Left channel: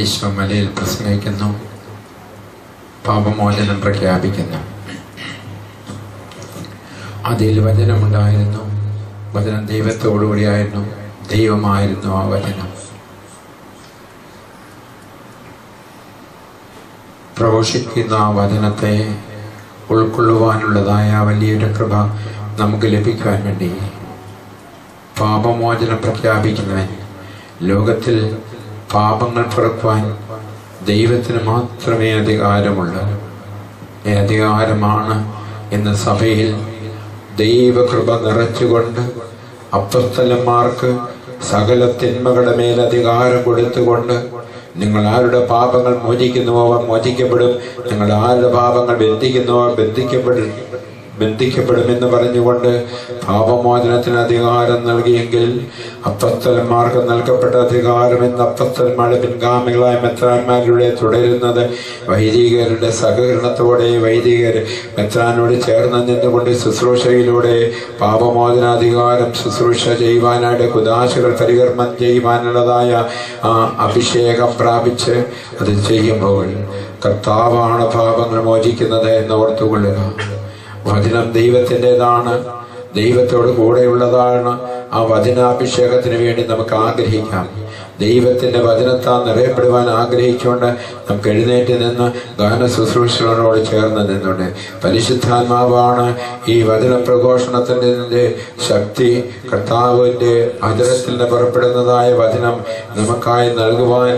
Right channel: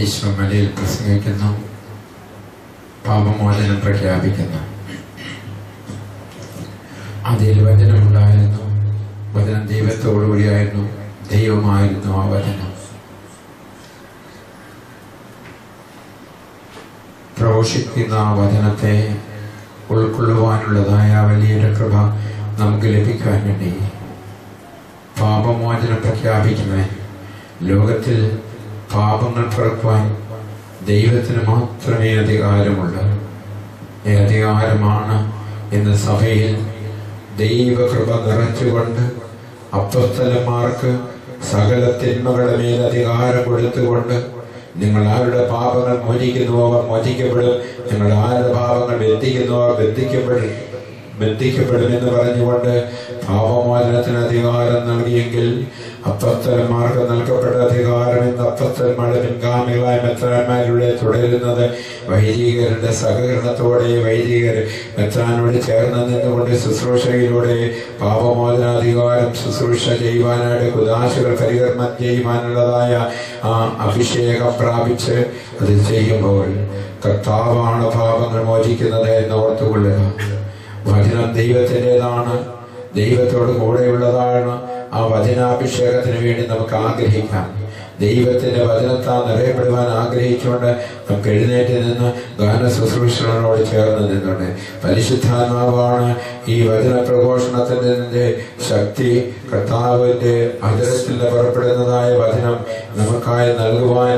ഈശോ മലയിൽ പ്രസംഗിക്കുന്നു, പാപമോചനം പ്രഖ്യാപിക്കുന്നു. അതിൽ വചനമുണ്ടായിരുന്നു, വചനം ദൈവത്തോടുകൂടിയായിരുന്നു, ദൈവമായിരുന്നു ആ വചനം. പ്രഘോഷിക്കുന്ന ആ വചനത്തെ ഉൾക്കൊള്ളുവാനുള്ളതായ വലിയൊരു കൃപ നമുക്ക് ലഭിക്കാൻ വേണ്ടി പാപമോചനം പ്രഖ്യാപിക്കുന്നവൻ, ലോകത്തിൽ പാപങ്ങൾ പുറക്കുവാൻ ദൈവത്തിന് മാത്രമേ അധികാരമുള്ളൂ. അധികാരമാണ് ഇന്ന് സഭയിൽ ദൈവകൃപ നിറച്ചുകൊണ്ട് അപ്പോസ്തലന്മാർക്ക് സകല തിന്മകളുടെ മേൽ അധികാരം കൊടുത്തുകൊണ്ട്, നിങ്ങൾ ആരുടെ പാപങ്ങൾ മോചിക്കുന്നുവോ അവർ മോചിക്കപ്പെടും, നിങ്ങൾ ആരുടെ പാപങ്ങൾ ബന്ധിക്കുന്നുവോ അവർ ബന്ധിക്കപ്പെടുമെന്ന് പറഞ്ഞുകൊണ്ട് പാപമോചനത്തിന് അധികാരം നൽകിയെങ്കിൽ അപ്പോസ്തലന്മാർക്ക് നൽകപ്പെട്ട അധികാരം ഇന്ന് അപ്പോസ്തലന്മാരുടെ പിൻഗാമികളായ മെത്രാന്മാരിലൂടെ തുടരുന്നത് വൈദികരുടെ സഹകരണത്തോടെ, വൈദികർ മെത്രാനോട് ചേർന്ന് നിന്നുകൊണ്ട് ശുശ്രൂഷയിലൂടെ പാപമോചനാധികാരം ശുശ്രൂഷ ചെയ്യുവാനായിട്ട് കുദാശകൾ പരികർമ്മം ചെയ്യുവാനുള്ളതായ ആ അഭിഷേകം പ്രാപിച്ച് അത് ചെയ്യുമ്പോൾ കർത്താവാണ് പാപങ്ങൾ മോചിക്കുന്നത് എന്ന് ഓർത്തുകൊള്ളുക. വചനം ദൈവത്തിൻ്റെതാണ്, ദൈവത്തോട് കൂടെയുള്ളതാണ്. ആ വചനാഭിഷേകത്തിന് വേണ്ടി നമുക്ക് ആഗ്രഹിക്കാം. ദൈവത്തിൻ്റെ വചനത്താൽ നിറയപ്പെടുവാൻ ആഗ്രഹിച്ചുകൊണ്ട് നമുക്ക് എഴുന്നേറ്റ് നിന്ന് ഗാന ശുശ്രൂഷകളോട് ചേർന്ന് നിന്നുണ്ട്. പരിശുദ്ധാത്മാവാണ് ഈ വചന പ്രഘോഷണത്തിൻ്റെ ശക്തി. കർത്താവിൻ്റെ അതിരത്തിൽ നിന്ന് പുറപ്പെടുന്നതായ വചനം നമുക്കായി നൽകുവാൻ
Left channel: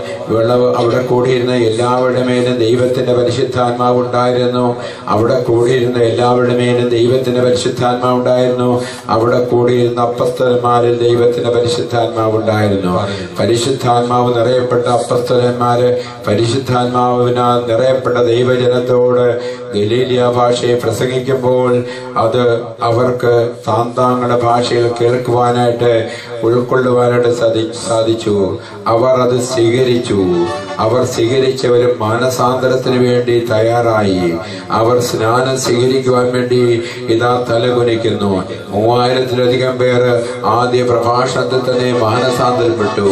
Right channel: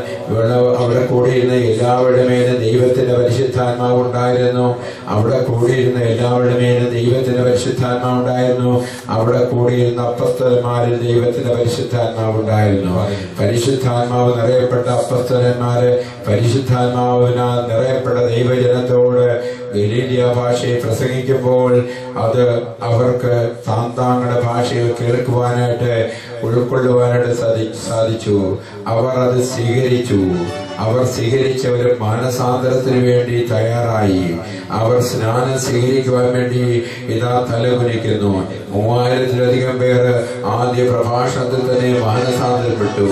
അവിടെ കൂടിയിരുന്ന എല്ലാവരുടെ മേലും ദൈവത്തിൻ്റെ പരിശുദ്ധാത്മാവ് ഉണ്ടായിരുന്നു. അവിടെ കൂടിയിരുന്ന എല്ലാവരുടെ മേലും ദൈവത്തിൻ്റെ പരിശുദ്ധാത്മാവ് ഉണ്ടായിരുന്നു. അവിടെ കൂടിയിരുന്ന അപ്പോസ്തലന്മാരിൽ ദൈവത്തിൻ്റെ പരിശുദ്ധാത്മാവ് ഉണ്ടായിരുന്നു. പരിശുദ്ധാത്മാവ് നിറയപ്പെട്ട അപ്പോസ്തലന്മാര് പരിശുദ്ധാത്മാവിനാൽ നിറയപ്പെട്ട ദൈവജനത്തോട് ഗലീലിയ ഭാഷയെ പ്രസംഗിക്കുമ്പോൾ അത് അവർക്ക് താന്താങ്ങളുടെ ഭാഷയിൽ കേൾക്കുവാനായിട്ട് ഉൾക്കൊള്ളുവാനായിട്ട് സാധിച്ചു. അവർ അത് സ്വീകരിച്ചു. അവർ സ്വീകരിച്ചവരും മാനസാന്തരത്തിന് വേണ്ടി തയ്യാറായി. അവർ സ്നാനം സ്വീകരിക്കുവാൻ വേണ്ടി ഇതാ തലകുനിക്കുന്നു. 3000-ലധികം പേർ ആദ്യ പ്രഭാഷണത്തിൽ തന്നെ മാനസാന്തരപ്പെട്ടു.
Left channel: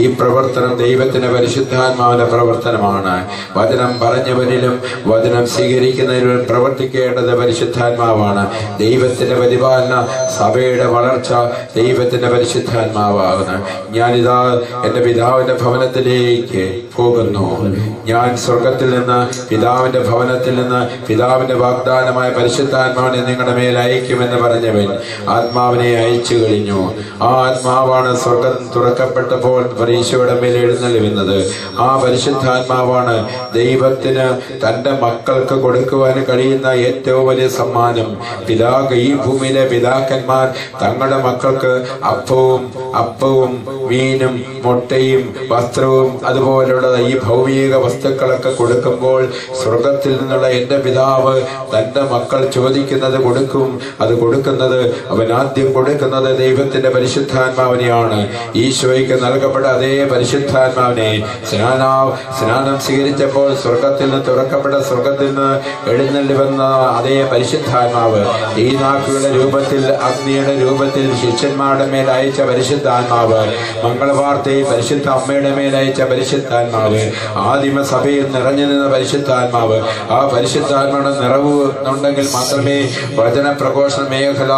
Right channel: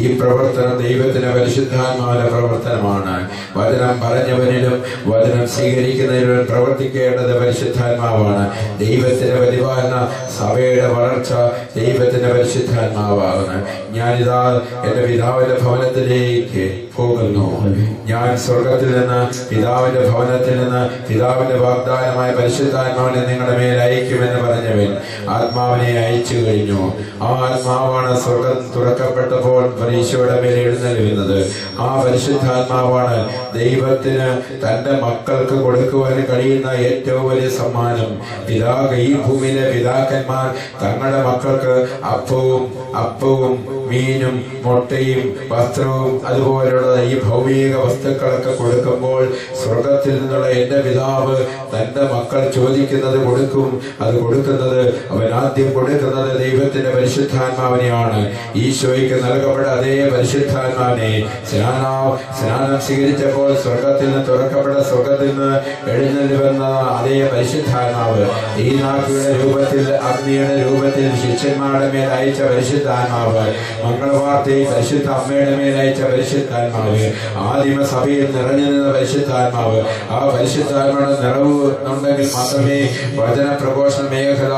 ഈ പ്രവർത്തനം ദൈവത്തിന്റെ പരിശുദ്ധാത്മാവിന്റെ പ്രവർത്തനമാണ്. വചനം പറഞ്ഞവരിലും വചനം സ്വീകരിക്കുന്നതിലും പ്രവർത്തിക്കേണ്ടത് പരിശുദ്ധാത്മാവാണ്. ദൈവത്തിന്റെ പരിപാലന, സഭയുടെ വളർച്ച ദൈവത്തിന്റെ പരിശുദ്ധാത്മാവാണ്. ഞാനിതാ എൻ്റെ പിതാവിന്റെ ഭവനത്തിലേക്ക് പോകുന്നു. ഞാൻ സ്വർഗത്തിൽ നിന്ന്, പിതാവിന്റെ ഭവനത്തിൽ നിന്ന്, പിതാവിന്റെ വാഗ്ദാനമായ പരിശുദ്ധാത്മാവിനെ നിങ്ങളുടെ മേൽ അയക്കുമെന്ന് പറഞ്ഞവൻ ആത്മാവിനെ അയച്ചു കഴിഞ്ഞു. ആ ആത്മാവാണ് സ്വർഗം തുറക്കപ്പെട്ടപ്പോൾ ഈശോയുടെ മേൽ എഴുന്നള്ളുന്നത്. ആ പരിശുദ്ധാത്മാവാണ് ദൈവത്തിന് തൻ്റെ മക്കൾക്ക് കൊടുക്കുവാൻ കഴിയുന്ന ഏറ്റവും വലിയ സമ്മാനം. ഈ ഭൂമിയിലെ പിതാക്കന്മാർ തങ്ങളുടെ മക്കൾക്ക് അപ്പവും മീനും മുട്ടയും വസ്ത്രവും അതുപോലെയുള്ള ഈ ഭൗമിക വസ്തുക്കളൊക്കെ കൊടുക്കുമ്പോൾ സ്വർഗത്തിൽ നിന്നുള്ള എൻ്റെ പിതാവ് തൻ്റെ മക്കൾ ചോദിക്കുന്നത് കൊടുക്കും. അത് കൊടുക്കുന്നത്, അവൻ ആദ്യം കൊടുക്കുന്നത് ദൈവത്തിന്റെ പരിശുദ്ധാത്മാവിനെയാണ്. ഈശോയ്ക്ക് നൽകപ്പെട്ട അതേ പരിശുദ്ധാത്മാവിനെ സ്നാനം സ്വീകരിച്ചപ്പോൾ സ്വർഗത്തിൽ നിന്ന് തുറക്കപ്പെട്ട, സ്വർഗത്തിൽ നിന്ന് എഴുന്നള്ളി വന്ന അതേ പരിശുദ്ധാത്മാവ് ഈനാക്കുകളുടെ രൂപത്തിൽ, അഗ്നിയുടെ രൂപത്തിൽ ശിഷ്യന്മാരുടെ മേൽ അയച്ച പരിശുദ്ധാത്മാവ്, മംഗളവാർത്തയിൽ പരിശുദ്ധ അമ്മയുടെ മേൽ അയച്ച പരിശുദ്ധാത്മാവ്, പരിശുദ്ധാത്മാവ്, ആദിമസഭയിൽ നിറഞ്ഞു നിന്ന പരിശുദ്ധാത്മാവ്, ആ പരിശുദ്ധാത്മാവിന്റെ നിറവ് ഉണ്ടെങ്കിൽ മാത്രമേ വചന പ്രഘോഷണ മേഖല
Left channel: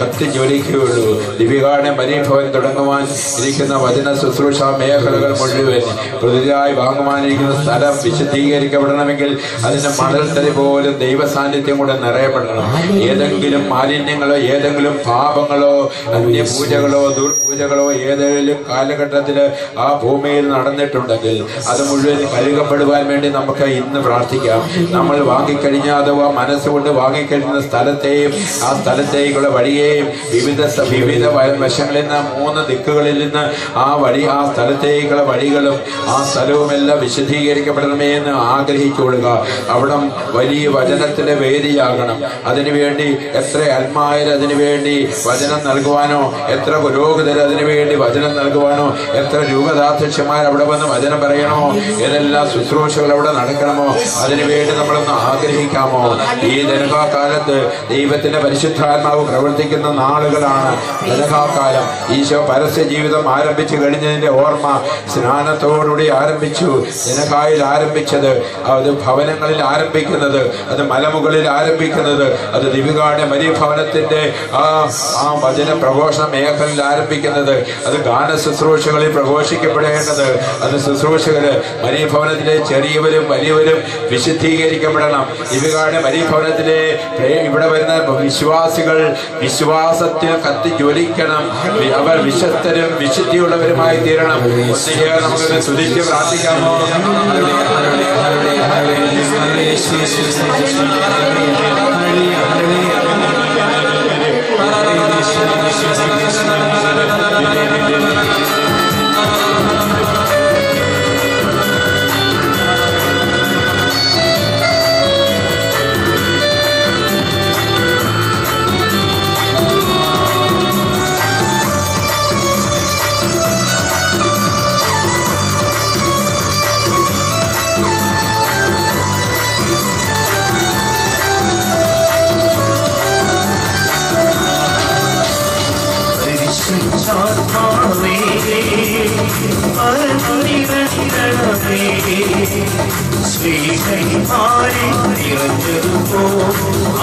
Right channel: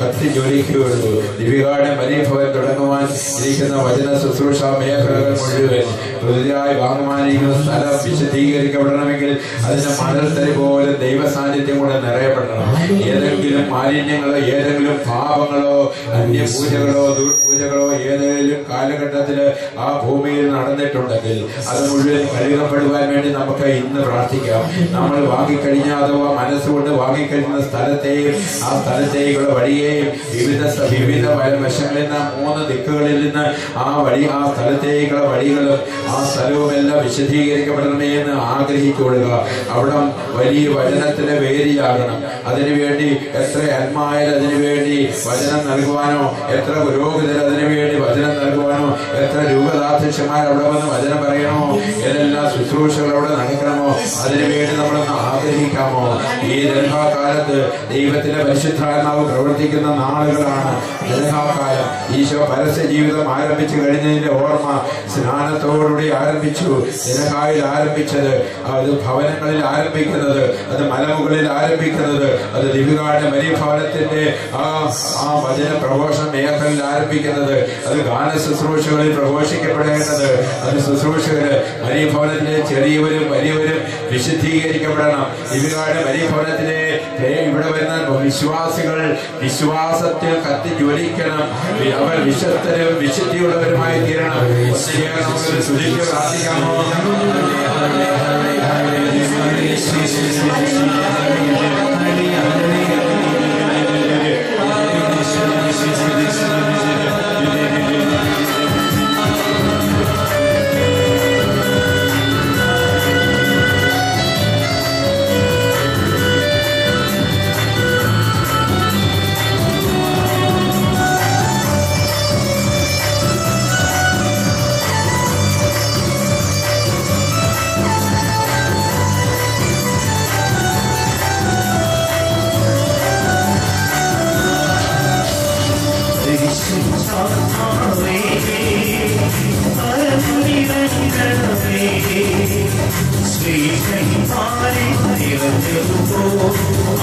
കത്തിജ്വലിക്കുകയുള്ളൂ. ദിവികാടെ മരീഭവൻ തുടങ്ങുവാൻ ഇരിക്കുന്ന വചന ശുശ്രൂഷ മേഖലകൾ മുഴുവൻ പുതിയതായി വാങ്ങുവാനിരിക്കുന്ന സ്ഥലം വിശദീകരിക്കപ്പെടണമെങ്കിൽ അതിന്റെ മണൽത്തരി പോലും ദൈവ സാന്നിധ്യം കൂടെ നിറയപ്പെടണം. ഏതെങ്കിലും മാലിന്യങ്ങളോ ഏതെങ്കിലും പാപങ്ങളോ അന്യപൂജകളോ ദുർപൂജകളോ ഏതെങ്കിലും കാലഘട്ടത്തിൽ ആ ഭൂമിയിൽ നടന്നിട്ടുണ്ടെങ്കിൽ അത് മുഴുവൻ കഴുകപ്പെടുവാൻ വേണ്ടി നമുക്ക് ഇന്ന് പ്രാർത്ഥിക്കാം. നമ്മൾ വാങ്ങിക്കഴിഞ്ഞ അഥവാ മനസ്സുകൊണ്ട് വാങ്ങിക്കഴിഞ്ഞ സ്ഥലത്തെയും ആ സ്ഥലത്തേക്കുള്ള വഴിയെയും വിവിധ വശങ്ങളിൽ നിന്ന് 3 ദിക്കുകളിൽ നിന്ന് ആ സ്ഥലത്തേക്കുള്ള വഴികളും ആ സ്ഥലവുമെല്ലാം വിശദീകരിക്കപ്പെടണമേ എന്ന് ആഗ്രഹിച്ചുകൊള്ളുക. അവിടം വലിയ വചനത്തിന്റെ വേദിയാകണം. അതിനുവേണ്ടി എത്ര ആത്മായർ അതിനുവേണ്ടി വചനം നൽകുവാനോ, എത്ര പുരോഹിതർ അതിനുവേണ്ടി വചനം നൽകുവാനോ, എത്ര രൂപതാധ്യക്ഷന്മാർ അവിടെ വന്ന് വചനം പറയണമോ, ഏതെല്ലാം ശുശ്രൂഷകൾ അവിടെ നടക്കണമോ, അതിനുവേണ്ടി നമ്മളൊന്ന് ആഗ്രഹിക്കാമോ? ഈ ദർഘാകാലത്ത് ദൈവത്തിന്റെ പരിശുദ്ധാത്മാവ് പ്രവർത്തിക്കുന്ന നാളുകളാണ്. ദർഘാകാലം ഈശോ പരസ്യ ജീവിതം ആരംഭിച്ചു കഴിഞ്ഞതിന്റെ ഓർമ്മ സ്നാനത്തോടുകൂടി ആരംഭിച്ചു. ദർഘായിൽ ആരംഭിച്ചത്, അത് ഭവനങ്ങളിൽ ആരംഭിക്കുന്നത്, അത് മലമുകളിൽ ആരംഭിക്കുന്നത്, അത് ദിവികാടെ മരീഭവനത്തിന്റെ ആ വചന പ്രഘോഷണ മേഖലയിൽ ആരംഭിക്കുന്നത്, അത് ഗാന ശുശ്രൂഷകളിൽ പ്രഘോഷിക്കപ്പെടേണ്ടത്, അത് ശുശ്രൂഷകര് മരീഭവനത്തിലെ ചെറിയവരും വലിയവരും വിശുദ്ധീകരിക്കപ്പെടണം. ദിവികാടെ മരീഭവനത്തിലെ ഇവിടെ വരുന്ന വിശ്വാസികൾ വിശ്വാസത്തിൽ കത്തി ജ്വലിക്കണം. അവർ വിശ്വസ്തരും വിശുദ്ധിയുള്ളവരുമായി തീരണം. നമുക്ക് സ്തുതിച്ച് പ്രാർത്ഥിക്കാമോ?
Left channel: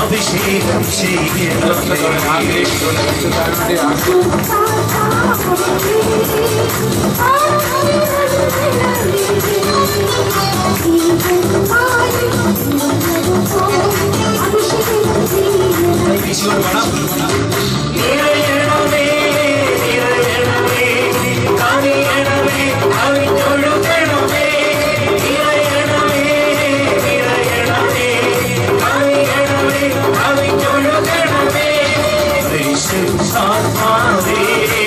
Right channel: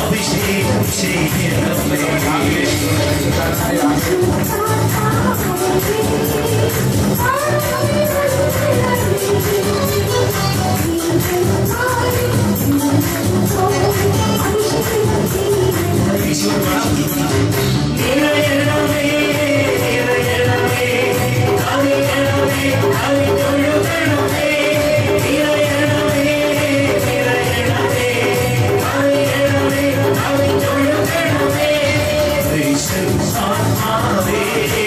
അഭിഷേകം Amen.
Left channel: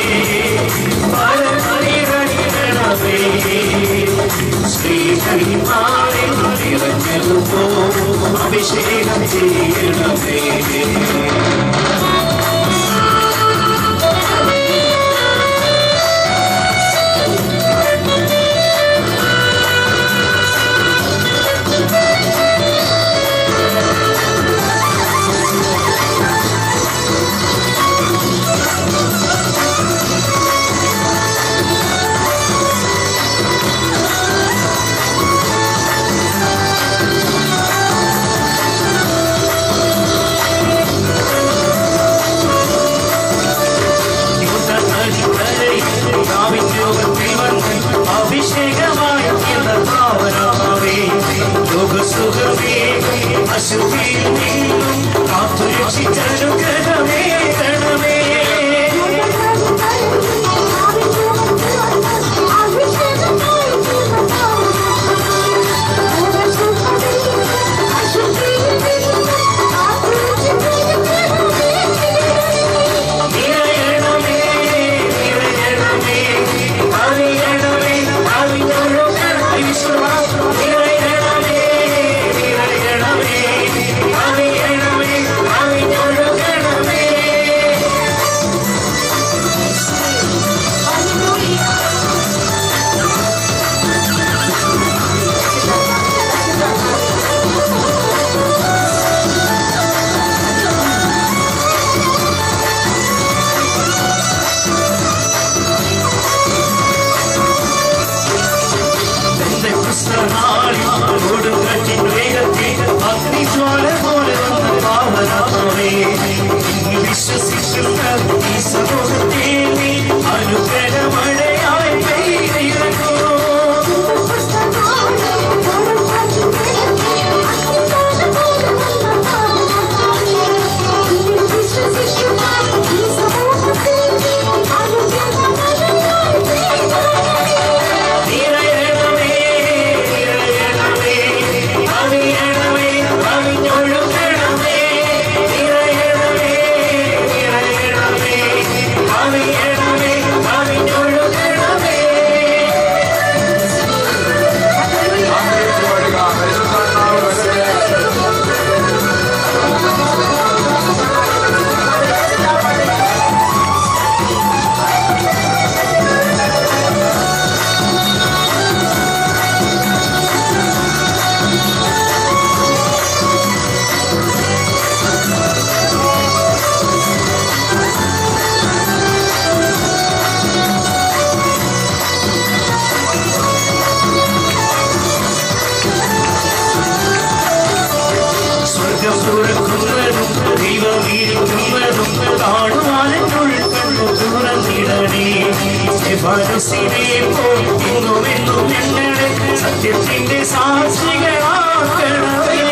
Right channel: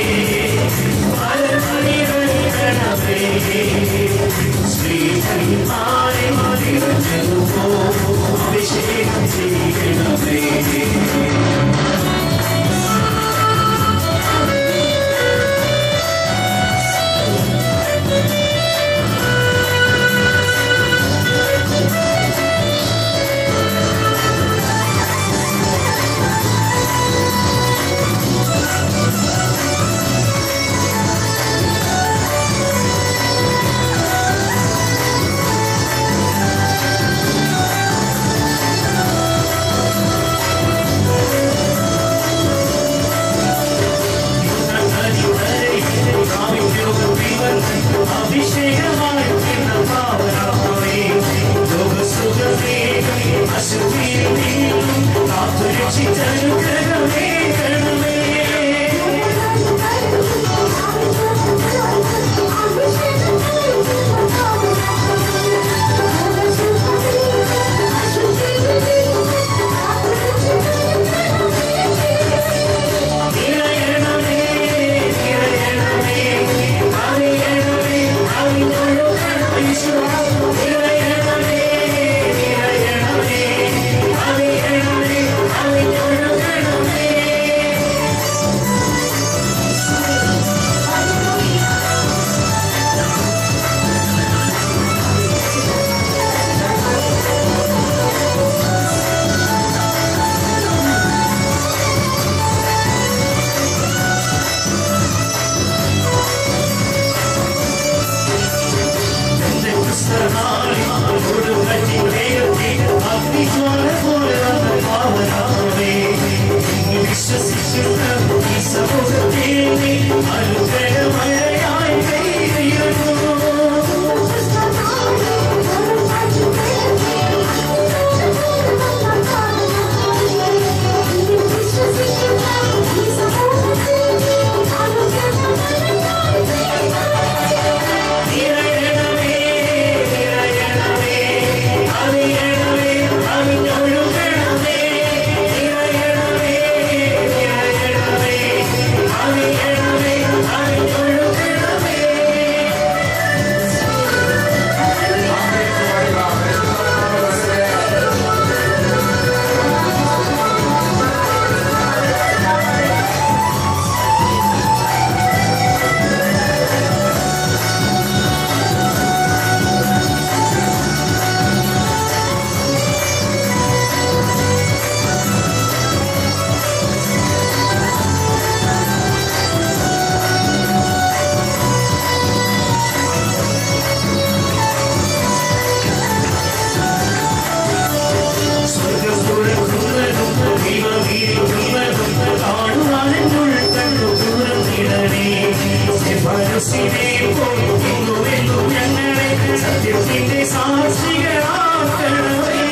സത്യത്തിന്റെ സാക്ഷികളാക്കണമേ.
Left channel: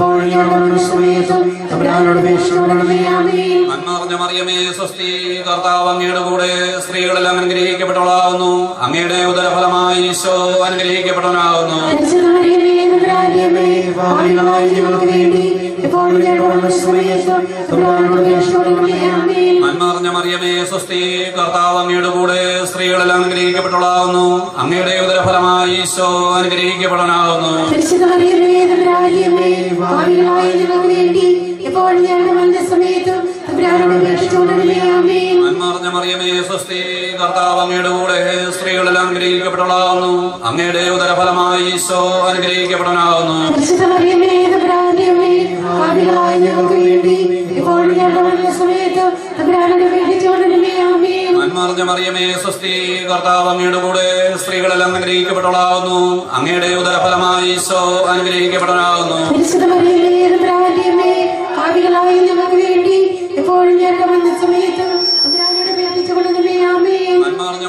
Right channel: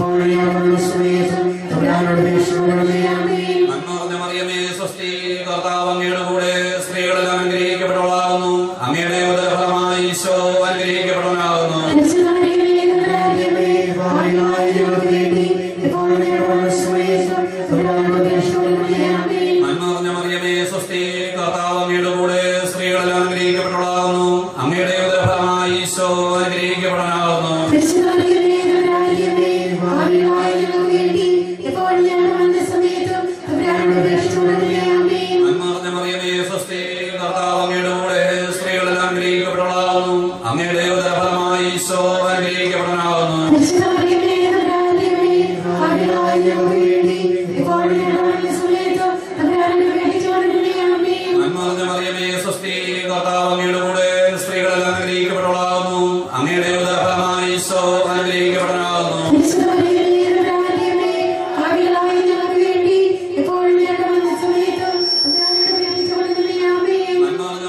ഇപ്പോൾ ഞങ്ങളുടെ സമയത്തും സ്വസ്തി. കർത്താവ് അങ്ങയുടെ കൂടെ സ്ത്രീകളെല്ലാം അനുഗ്രഹിക്കപ്പെട്ടവളാകുന്നു. അങ്ങയുടെ ഉദരഫലമായി ഈശോ അനുഗ്രഹിക്കപ്പെട്ടവനാകുന്നു. നന്മ നിറഞ്ഞ മറിയമേ സ്വസ്തി. കർത്താവ് അങ്ങയുടെ കൂടെ സ്ത്രീകളെല്ലാം അനുഗ്രഹിക്കപ്പെട്ടവളാകുന്നു. അങ്ങയുടെ ഉദരഫലമായി ഈശോ അനുഗ്രഹിക്കപ്പെട്ടവനാകുന്നു. നന്മ മറിയമേ സ്വസ്തി. കർത്താവ് അങ്ങയുടെ കൂടെ സ്ത്രീകളെല്ലാം അനുഗ്രഹിക്കപ്പെട്ടവളാകുന്നു. അങ്ങയുടെ ഉദരഫലമായി ഈശോ അനുഗ്രഹിക്കപ്പെട്ടവനാകുന്നു. നന്മ മറിയമേ സ്വസ്തി. കർത്താവ് അങ്ങയുടെ കൂടെ സ്ത്രീകളെല്ലാം അനുഗ്രഹിക്കപ്പെട്ടവളാകുന്നു. അങ്ങയുടെ ഉദരഫലമായി ഈശോ അനുഗ്രഹിക്കപ്പെട്ടവനാകുന്നു.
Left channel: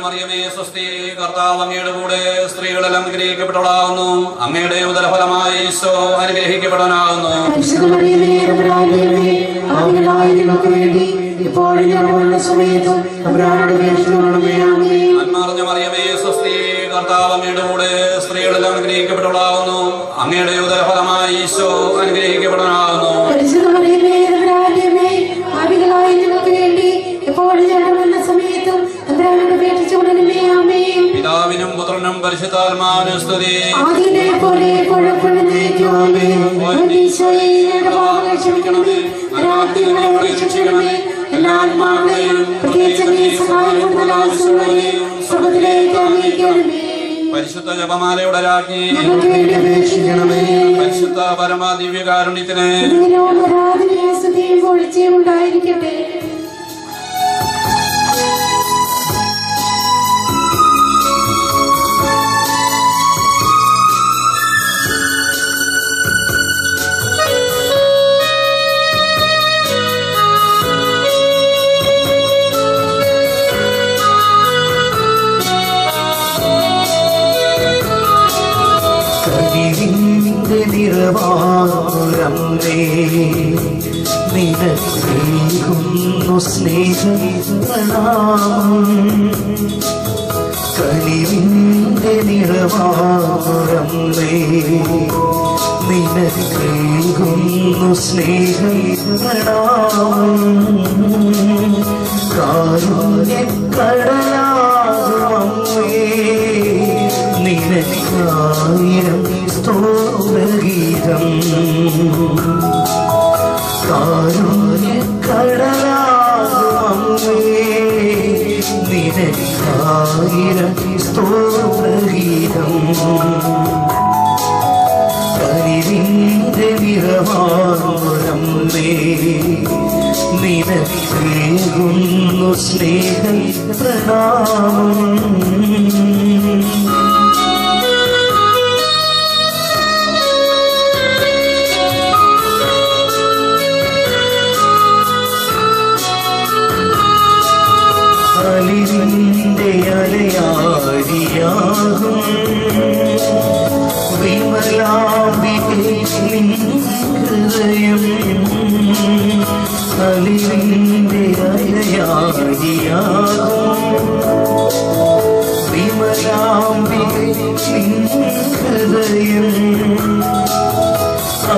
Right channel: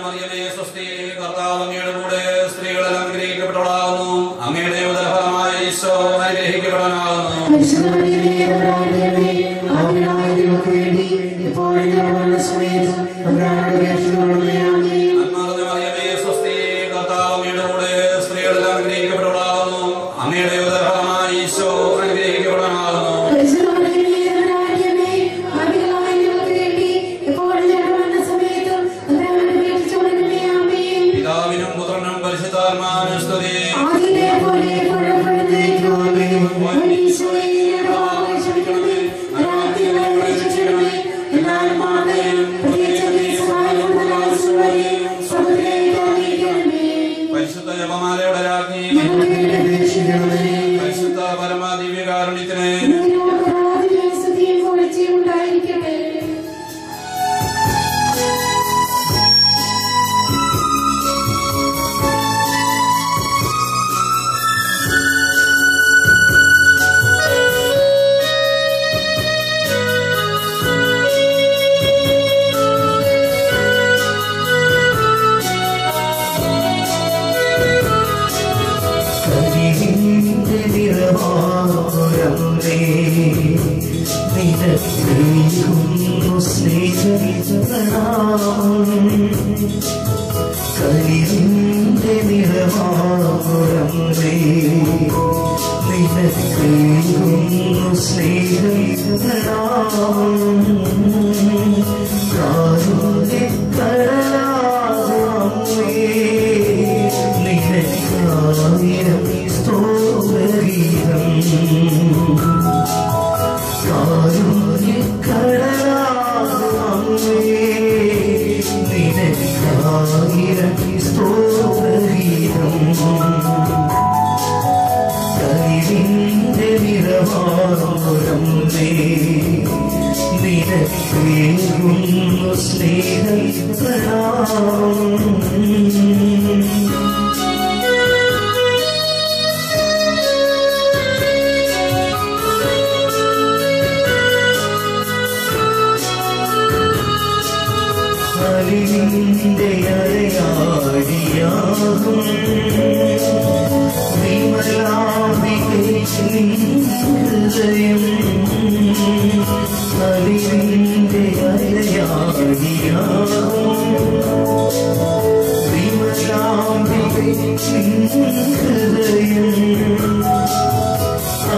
മറിയമേ സ്വസ്തി. കർത്താവ് അങ്ങയുടെ കൂടെ സ്ത്രീകളെല്ലാം അനുഗ്രഹിക്കപ്പെട്ടവളാകുന്നു. അങ്ങയുടെ ഉദരഫലമായി ഈശോ അനുഗ്രഹിക്കപ്പെട്ടവനാകുന്നു. നന്മ മറിയമേ സ്വസ്തി. കർത്താവ് അങ്ങയുടെ കൂടെ സ്ത്രീകളെല്ലാം അനുഗ്രഹിക്കപ്പെട്ടവളാകുന്നു. അങ്ങയുടെ ഉദരഫലമായി ഈശോ അനുഗ്രഹിക്കപ്പെട്ടവനാകുന്നു. പിതാവിനും പുത്രനും പരിശുദ്ധാത്മാവിനും സ്തുതി. പരിശുദ്ധ ജപമാലയുടെ രാജ്ഞി, പരിശുദ്ധ പരമദിവ്യകാരുണ്യത്തിന് ഉണ്ടായിരിക്കട്ടെ. നിനക്കേകുന്നു സ്നേഹകലിവിന്റെ നിറവാറമ്മേ, നിനക്കേകുന്നു കാരുണ്യക്കടലാകുമമ്മേ, നിനക്കായിരം സ്തോത്രഗീതം. കാരുണ്യക്കടലാകുമമ്മേ, നിനക്കായിരം സ്തോത്രഗീതം. കനിവിന്റെ നിറവാറമ്മേ, നിനക്കേകുന്നു സ്നേഹപ്രണാമം. അലിവിന്റെ അലയാഴിയാകും വിമലാംബികേ നിൻ ഹൃദയം, അലിവിന്റെ അലയാഴിയാകും വിമലാംബികേ നിൻ ഹൃദയം.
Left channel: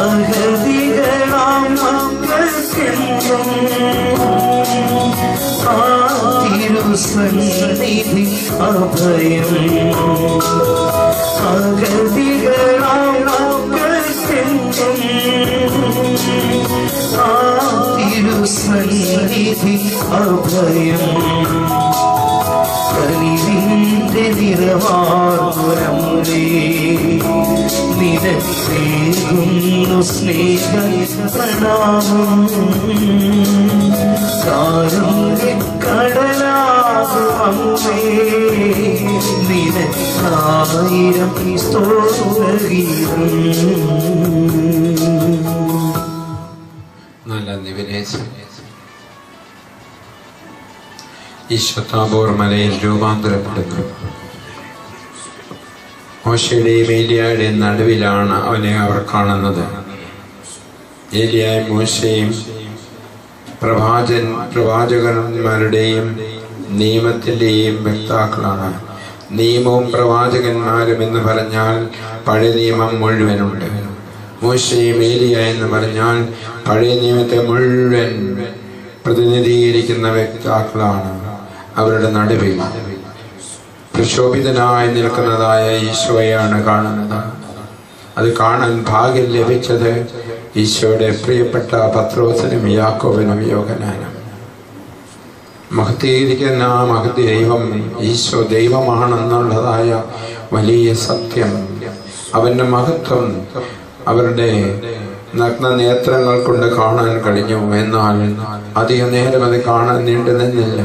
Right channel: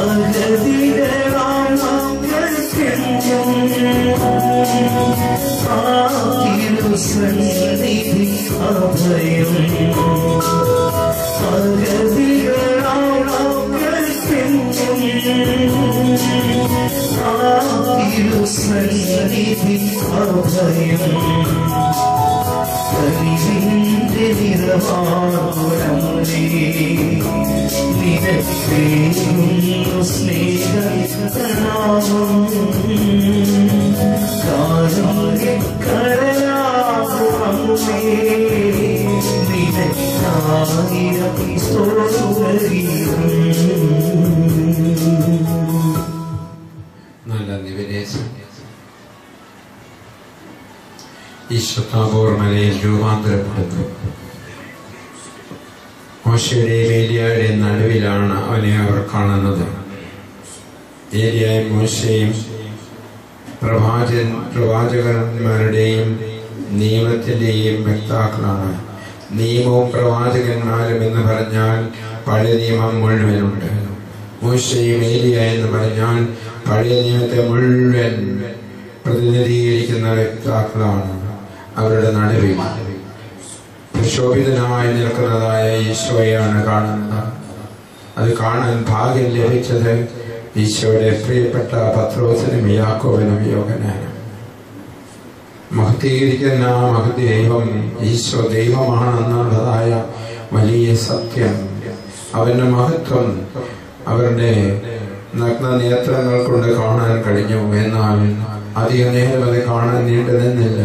അഗതികളാം മക്കൾക്കെന്നും തിരുസന്നിധി അഭയം. അഗതികളാം മക്കൾക്കെന്നും തിരുസന്നിധി അഭയം. കനിവിന്റെ നിറവാറമ്മേ, നിനക്കേകുന്നു സ്നേഹപ്രണാമം. കാരുണ്യക്കടലാകുമമ്മേ, നിനക്കായിരം സ്തോത്രഗീതം. നല്ല നിവേശം. ഈശോ താബോർ മലയിൽ രൂപാന്തരപ്പെടുന്നു. മോശയുടെയും ഏലിയായുടെയും നടുവിലാണ് അവനെ അവർ കാണുന്നത്. ഏലിയായും മോശയും പ്രവാചകന്മാരുടെയും നിയമത്തിൻ്റെയും വ്യക്താക്കളാണ്. നിയമവും പ്രവാചകന്മാരും എന്ന് പറഞ്ഞാൽ പഴയ നിയമം മുഴുവനുണ്ട്. മോശയും ഏലിയ എന്ന് പറഞ്ഞാൽ പഴയ നിയമത്തെ മുഴുവൻ പ്രതിനിധീകരിക്കുന്ന വ്യക്താക്കളാണ്. അവരുടെ നടുവിൽ പ്രക്ഷോഭിതനായി നിൽക്കുന്നതായ ഈശോയാണ് കാണുന്നത്. അത് കാണാൻ ഭാഗ്യം ലഭിച്ചത് ഈശോയുടെ പ്രിയപ്പെട്ട പത്രോസിനും യാക്കോബിനും യോഹന്നാനും. മഹത്വീകരിക്കുന്ന മഹദൈവം ഈശോ ദൈവമാണെന്നുള്ളതായ വലിയ സത്യം, അവൻ്റെ മഹത്വം അവരുടെ നഗ്ന നേത്രങ്ങൾ കൊണ്ട് കാണാൻ കഴിഞ്ഞു. എന്നാൽ അധികം നേരം അത് കാണാൻ നീണ്ടു നിന്നില്ല.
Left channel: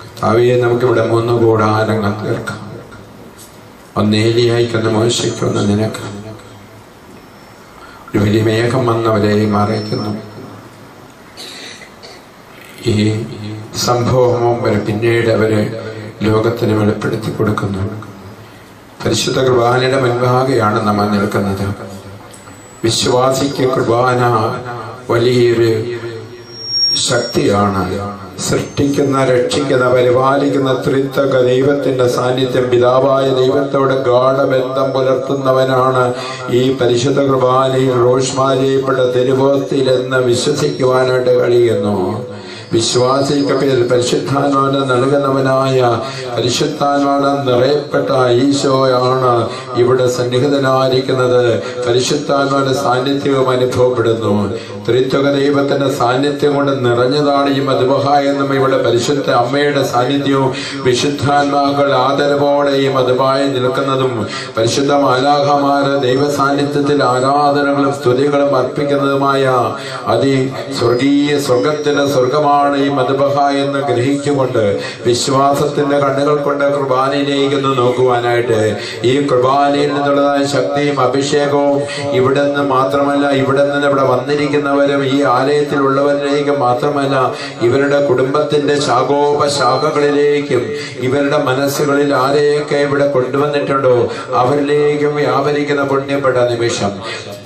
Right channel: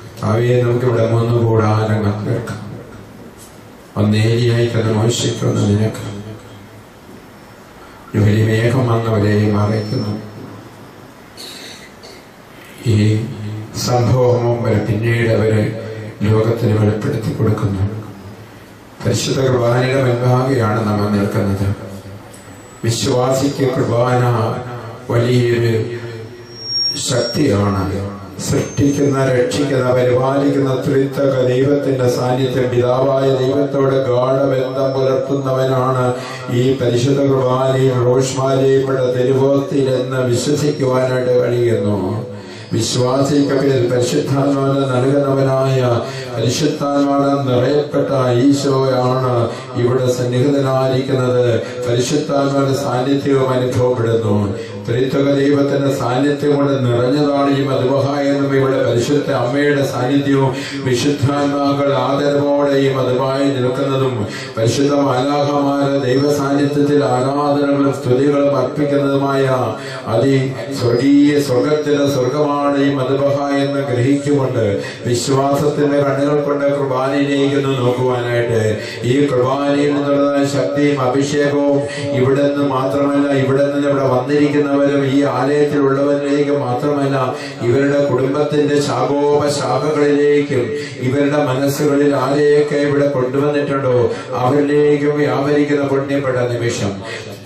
കർത്താവേ, നമുക്കിവിടെ 3 കൂടാരങ്ങൾ തീർക്കാം. ഒന്ന് ഏലിയായിക്കൊന്ന് മോശയ്ക്കൊന്ന് നിനക്ക്. ഒരു വലിയ മേഘം വന്നവരെയും അറിയിക്കുന്നു. ഈ സംഭവം വരെ പിന്നീട് അവര് ലോകത്തിന് വെളിപ്പെടുത്തി കൊടുക്കുന്നു. പരിശുദ്ധ കുർബാനയുടെ മുൻപാകെയാണ് നമ്മൾ നിൽക്കുന്നത്. വിശ്വാസിക്ക് കുർബാന വലിയൊരു ശക്തിയാണ്. സൃഷ്ടിക്കുന്ന, രക്ഷിക്കുന്ന, പരിപാലിക്കുന്ന ത്രിത്വക ദൈവത്തിന്റെ സാന്നിധ്യം, പിതാവായ ദൈവത്തോട് ഗാഢബന്ധം പുലർത്തുന്നവനാണ് ഈ പരിശുദ്ധ കുർബാനയിൽ റോഷ്മാരിയപ്പെട്ട തിരുവോസ്തിയിലെന്ന് വിശ്വസിക്കുവാനായിട്ട് കഴിയുന്നു. വിശ്വാസിക്ക് പരിശുദ്ധാത്മാവിനെ നൽകുന്നവനായ, പരിശുദ്ധാത്മാവിനെ നിറയപ്പെട്ട ഈശോയാണ് ഇവിടെ സന്നിഹിതനായിരിക്കുന്നത്. പരിശുദ്ധാത്മാവിന്റെ സാന്നിധ്യവും അനുഭവപ്പെടുന്നു. ത്രിത്വക ദൈവത്തിന്റെ സാന്നിധ്യം കൊണ്ട് നിറഞ്ഞതാണ് ഈ മദ്ബഹ എന്നും ഇവിടെ പരിശുദ്ധ അമ്മയുടെ സാന്നിധ്യവും വിശുദ്ധാത്മാക്കൾ ആദരവോടെ ഈ മദ്ബഹായിൽ നിൽക്കുന്നതും പരിശുദ്ധ മാലാഖമാര് ദൈവ സാന്നിധ്യത്തിൽ ആരാധനകളും സ്തുതികളും അർപ്പിക്കുന്നതുമായ സ്വർഗത്തിന്റെ സ്വർഗമാണ് ഈ മദ്ബഹ എന്ന് ഗ്രഹിച്ചുകൊണ്ട് വിശ്വാസത്തിന്റെ കണ്ണുകൾ കൊണ്ട് കുർബാനയിലേക്ക് നോക്കുവാനായിട്ട്, ഈ കുർബാനയിൽ നിന്നുള്ളതായ ശക്തിയും അഭിഷേകവും ഇവിടെ നിന്ന് മാത്രമല്ല, ഇവിടെ നിന്ന് ഇവിടെ വന്നിരിക്കുന്നവരും ഈ ആലയത്തിലുള്ളവരിലേക്ക് മാത്രമല്ല, ഇവരുടെ കുടുംബത്തിന്റെ ശാഖോപശാഖകളിലേക്കും ഇവരുടെ മനസ്സുകളിൽ ആരെയൊക്കെ ഇവിടെ കൊണ്ടുവന്നിട്ടുണ്ടോ അവരിലേക്കും വ്യാപരിക്കുന്ന പുണ്യപ്പെട്ട നിമിഷം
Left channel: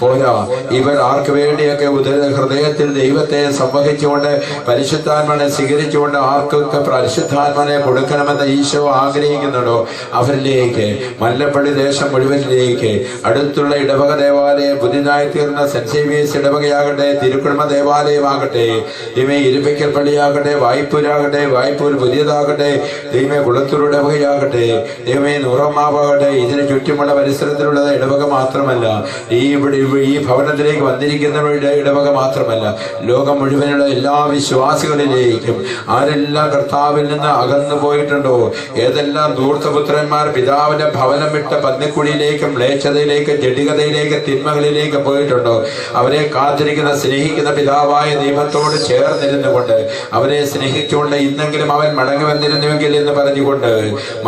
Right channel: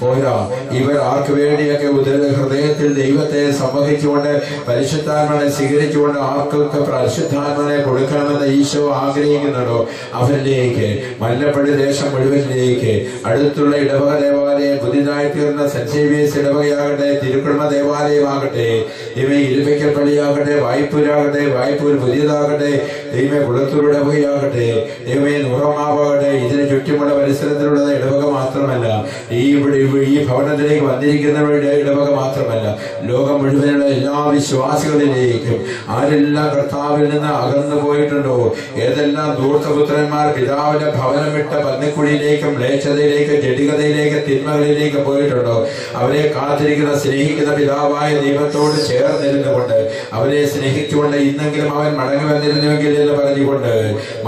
പോരാ. ഇവർ ആർക്ക് വേണ്ടിയൊക്കെ ഹൃദയത്തിൽ ദൈവത്തെ സംവഹിച്ചുകൊണ്ട് പരിശുദ്ധാത്മാവിനെ സ്വീകരിച്ചുകൊണ്ട് ആർക്കൊക്കെ പരിശുദ്ധാത്മാവിനെ കൊടുക്കണമെന്ന് ഈശോ ആഗ്രഹിക്കുന്നുണ്ടോ അവരിലേക്ക്, മല്ലപ്പള്ളി ദേശം മുഴുവനിലേക്ക്, അടുത്തുള്ള ഇടവക ദേവാലയം, പുതിയതായി തീർന്ന സെന്റ് സേവിയേഴ്സ് ഇടവകയാകട്ടെ, തിരുക്കുടുംബ ദേവാലയമാകട്ടെ, ദൈവമേ ഇരിപ്പിക്കൽ പള്ളിയാകട്ടെ, വായ്പൂരാകട്ടെ, വായ്പൂർ പുതിയതാകട്ടെ, ദൈവമേ കുളത്തൂർ ഇടവകയാകട്ടെ, ദൈവമേ നൂറമാവാകട്ടെ, ഇതിന് ചുറ്റുമുള്ള പരിസരത്തിലുള്ള ഇടവക മാത്രമല്ല, ഈ ഭവനത്തിലേക്ക് വന്നിരിക്കുന്നവരുടെ ഇടവക മാത്രമല്ല, ലോകം മുഴുവനുള്ള എല്ലാ വിശ്വാസികളിലേക്കും ആരെല്ലാം കർത്താവിൽ നിന്ന് അകന്നു പോയിട്ടുണ്ടോ, ഏതെല്ലാം ധൂർത്തപുത്രന്മാർ പിതാവിന്റെ ഭവനം വിട്ട പന്നിക്കുഴിയിലേക്കും മ്ലേച്ഛതയിലേക്കും ജഡികതയിലേക്കും തിന്മകളിലേക്ക് പോയിട്ടുണ്ടോ, അവരെ കാത്തിരിക്കുന്ന സ്നേഹിക്കുന്ന പിതാവായ ദൈവത്തോട് ചേർന്നിരുന്നുകൊണ്ട് അവരെ സ്നേഹിച്ചുകൊണ്ട് ഇന്നെങ്കിലും അവൻ മടങ്ങി വന്നിരുന്നുവെങ്കിൽ എന്ന് പറഞ്ഞുകൊണ്ട്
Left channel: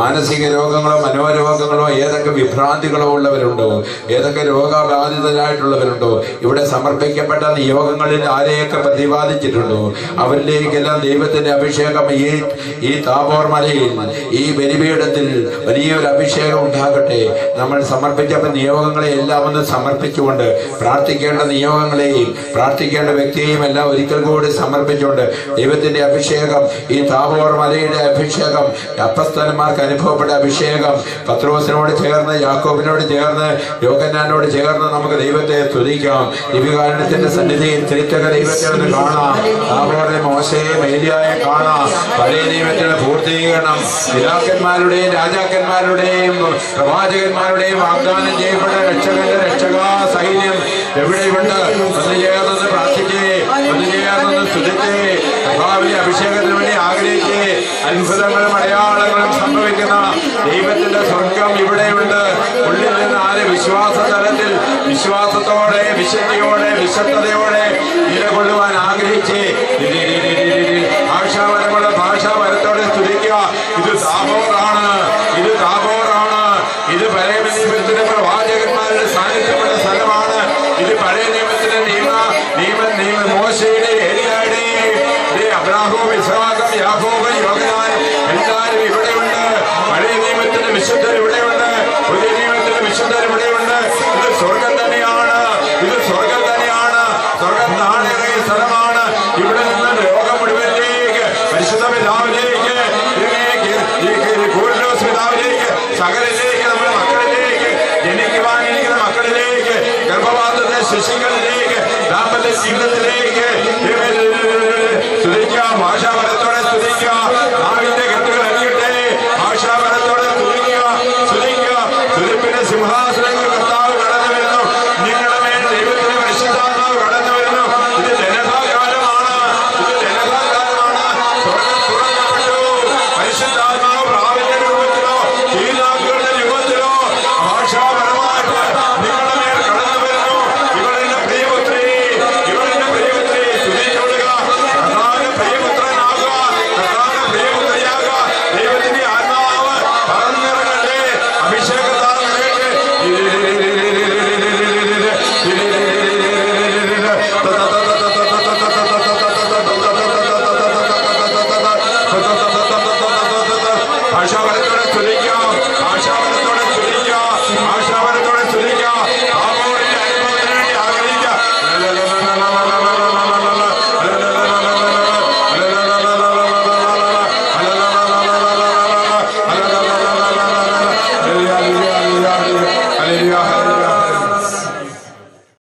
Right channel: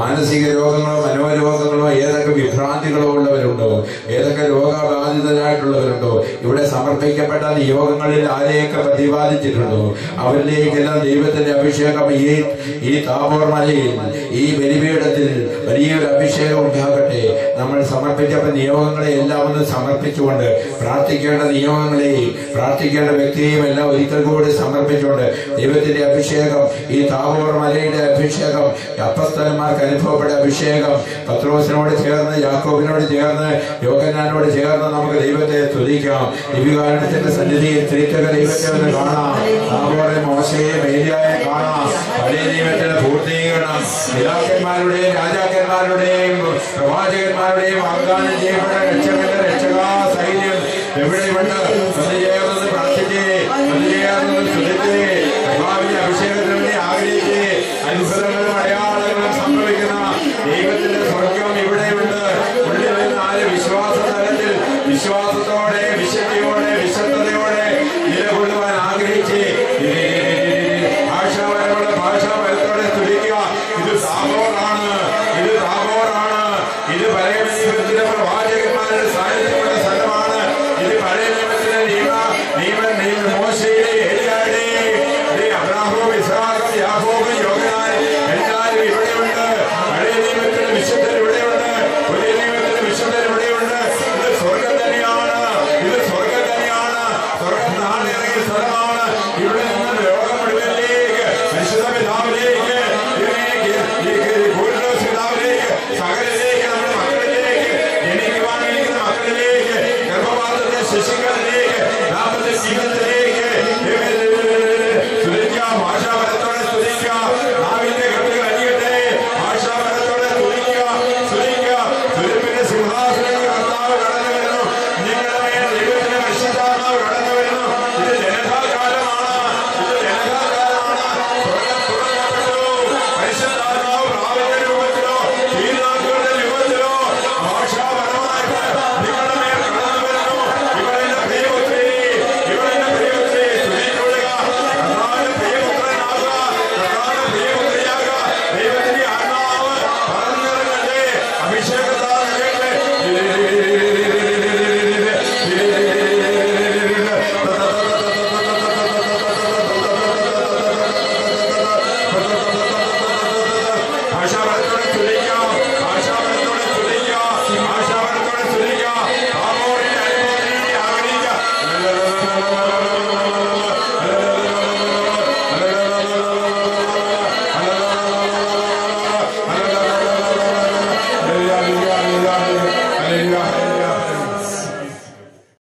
മാനസിക രോഗങ്ങളോ മനോരോഗങ്ങളോ ഏതൊക്കെ വിഭ്രാന്തികളോ ഉള്ളവരുണ്ടോ, ഏതൊക്കെ രോഗബാധിതരായിട്ടുള്ളവരുണ്ടോ, ഇവിടെ സമർപ്പിക്കപ്പെട്ട നിയോഗങ്ങളിൽ ആരെയൊക്കെ പ്രതിപാദിച്ചിട്ടുണ്ടോ അവരിലേക്കെല്ലാം ദൈവത്തിന്റെ അഭിഷേകം ഈ താബോർ മലയിൽ ഈ ബലിപീഠത്തിൽ വലിയൊരു അഭിഷേകം ഉണ്ടാകട്ടെ. നമ്മൾ സമർപ്പിച്ച നിയോഗങ്ങളെ എല്ലാം ഒന്ന് സമർപ്പിച്ചുകൊണ്ട് പ്രാർത്ഥിക്കേണ്ട നിയോഗങ്ങളെയും പ്രാർത്ഥിക്കേണ്ട വ്യക്തിയെയും എല്ലാം ഒരിക്കൽ കൂടി സമർപ്പിച്ചുകൊണ്ട് ദൈവത്തിന്റെ അഭിഷേകം, ഈ താബോർ മലയുടെ അഭിഷേകം, അപ്പസ്തലന്മാർക്ക് അനുഭവപ്പെട്ട അഭിഷേകം, പത്രോസിനോട് ചേർന്ന്, യാക്കോബിനോട് ചേർന്ന്, യോഹന്നാനോട് ചേർന്ന് നമുക്ക് ദൈവത്തെ സ്തുതിക്കാം. ദിവ്യകാരുണ്യത്തിന്റെ സന്നിധിയിൽ ത്രിത്വക ദൈവത്തെ ഒന്ന് കാണാം. താബോറിലെ മോശയെയും ഏലിയായെ കാണാം. പഴയ നിയമത്തിന്റെ പൂർത്തീകരണം പിതാക്കന്മാരുടെയും രാജാക്കന്മാരുടെയും പ്രവാചകന്മാരുടെയും വാഗ്ദാനം ചെയ്യപ്പെട്ട രക്ഷകന്റെ രക്ഷകാ സൈന്യം എവിടെയുണ്ട്?